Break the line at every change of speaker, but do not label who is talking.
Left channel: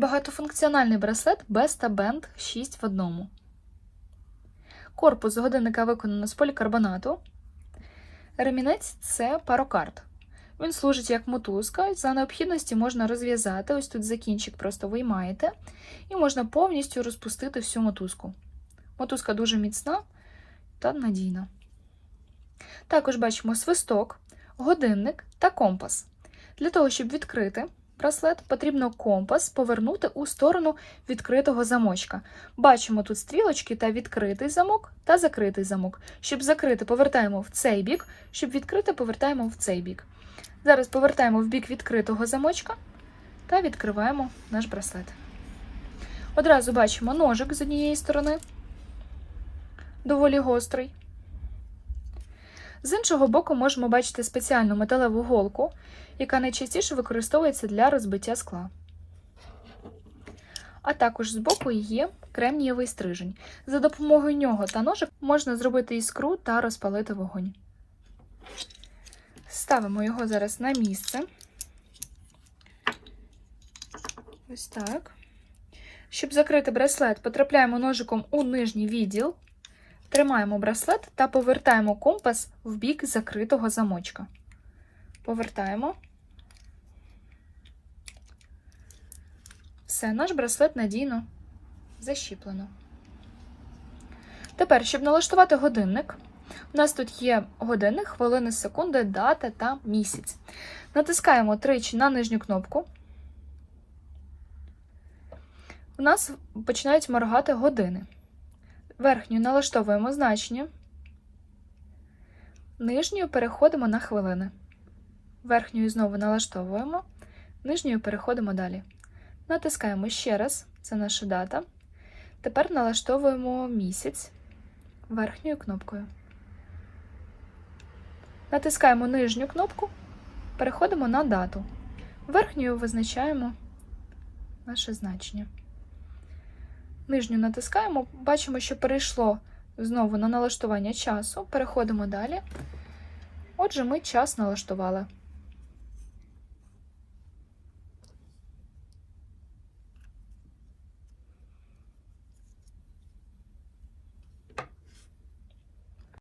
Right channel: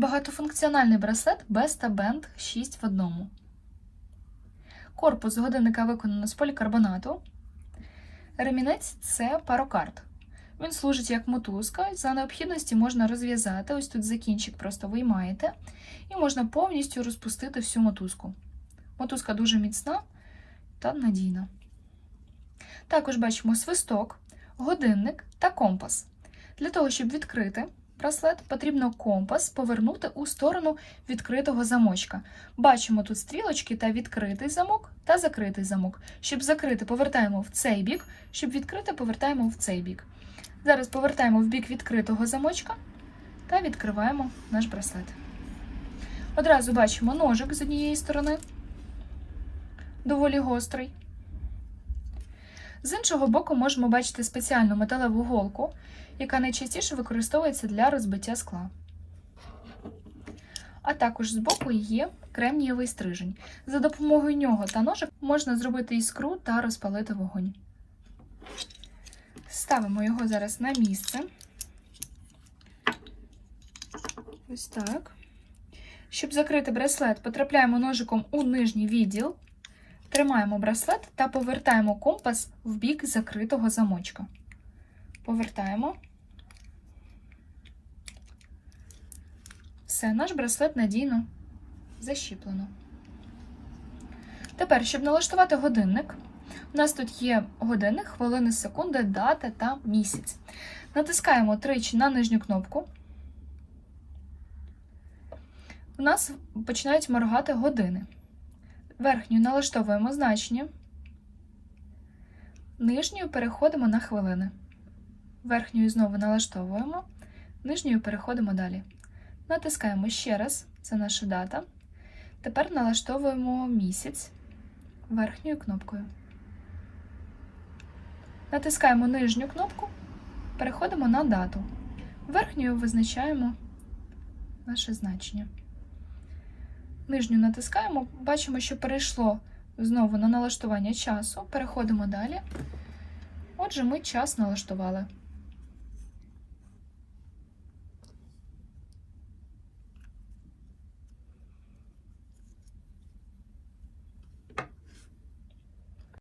Багатофункціональний браслет Besta Band 6 в одному. Корпус годинника виконано з полікарбонату. Ремінець це парокард. Він служить як мотузка. За необхідності можна розв'язати. Ось тут закінчик просто виймаєте, і можна повністю розпустити всю мотузку. Мотузка дуже міцна та надійна. Також бачимо свисток, годинник та компас. Для того, щоб відкрити браслет, потрібно компас повернути у сторону відкритого замочка. Бачимо тут стрілочки та відкритий замок та закритий замок. Щоб закрити, повертаємо в цей бік, щоб відкрити, повертаємо в цей бік. Зараз повертаємо в бік відкритого замочка та відкриваємо наш браслет. Одразу бачимо ножик з однієї сторони, доволі гострий. З іншого боку, можемо бачити спеціальну металеву голку, яка найчастіше використовується для розбиття скла. А також збоку є кремнієвий стрижень. За допомогою нього та ножик можна зробити іскру та розпалити вогонь. Ставимо його зараз на місце. Ось так. Щоб закрити браслет, потрапляємо ножиком у нижній відділ, тримаємо браслет та повертаємо компас в бік закритого замочка. Повертаємо. Все, наш браслет надійно защіплено. Тепер, щоб налаштувати годинник, у нас тут є годинник, хвилини, секунди, дата та місяць. Натискаємо тричі на нижню кнопку. У нас починають моргати години. Верхньою налаштовуємо значення. Нижньою переходимо на хвилини. Верхньою знову налаштовуємо, нижньою переходимо далі. Натискаємо ще раз, це наша дата. Тепер налаштовуємо місяць верхньою кнопкою. Натискаємо нижню кнопку, переходимо на дату. Верхньою визначаємо наше значення. Нижню натискаємо, бачимо, що перейшло знову на налаштування часу. Переходимо далі. Отже, ми час налаштували.